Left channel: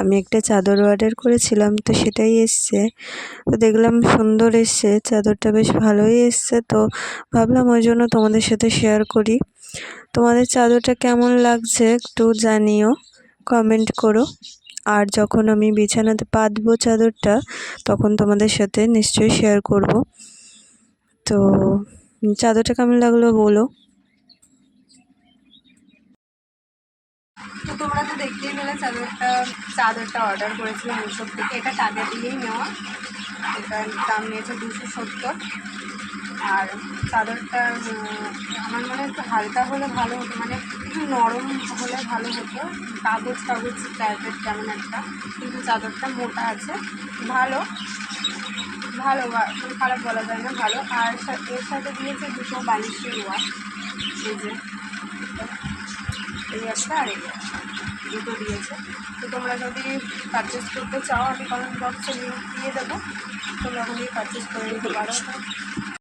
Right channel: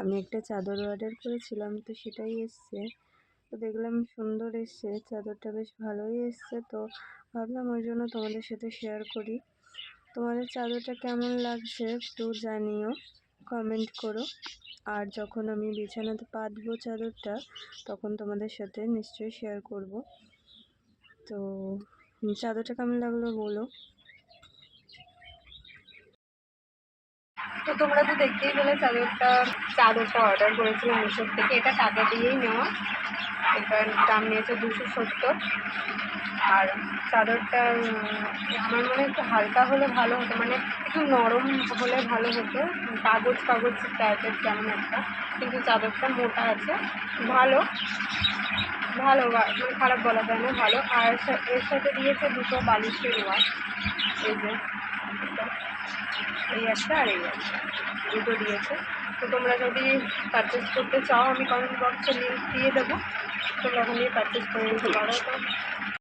আমি একটা চাদর অর্ডার করেছিলাম, তো সেটাই এসছে। তো দেখলাম সুন্দর এসছে, চাদরটা বেশ ভালোই এসছে। তো ভাবলাম ওই জন্য তোমাদের সাথে শেয়ার করি। তোমাদের চাদরটা কেমন লাগছে একটু জানিও, কমেন্ট করো। আর যখন আমি বিছানাতে পাতবো চাদরটা, তখন তোমাদের সাথে নিশ্চয়ই শেয়ার করব। তো চাদরটা কেমন লাগলো বলো। তো তোমরা তো দেখতেই পেলে চাদরটা অর্ডার করেছিলাম মিশো থেকে। এটা টাকা দিয়েই নেওয়া। এটার দাম নিয়েছে 270। আর চাদরটা আমার মনে হয় একটু হালকা হলে ভালো হতো, মানে একটু নরম হলে ভালো হতো, কাগজ কাগজ টাইপের কেমন একটা। কিন্তু চাদরটা মোটা আছে, ভালো ভালো মানে খারাপ বলা যায় না, ভালো। আর এর সাথে দিয়েছে দুটো বালিশের ওয়ার, এই যে এই একটা আর এই একটা, দুটো দিয়েছে। তো তোমরা যদি পারচেস করতে চাও, আমি কমেন্ট বক্সে লিঙ্ক দিয়ে দেবো, তোমরা ওখান দিয়ে পারচেস করে নিতে পারো। তো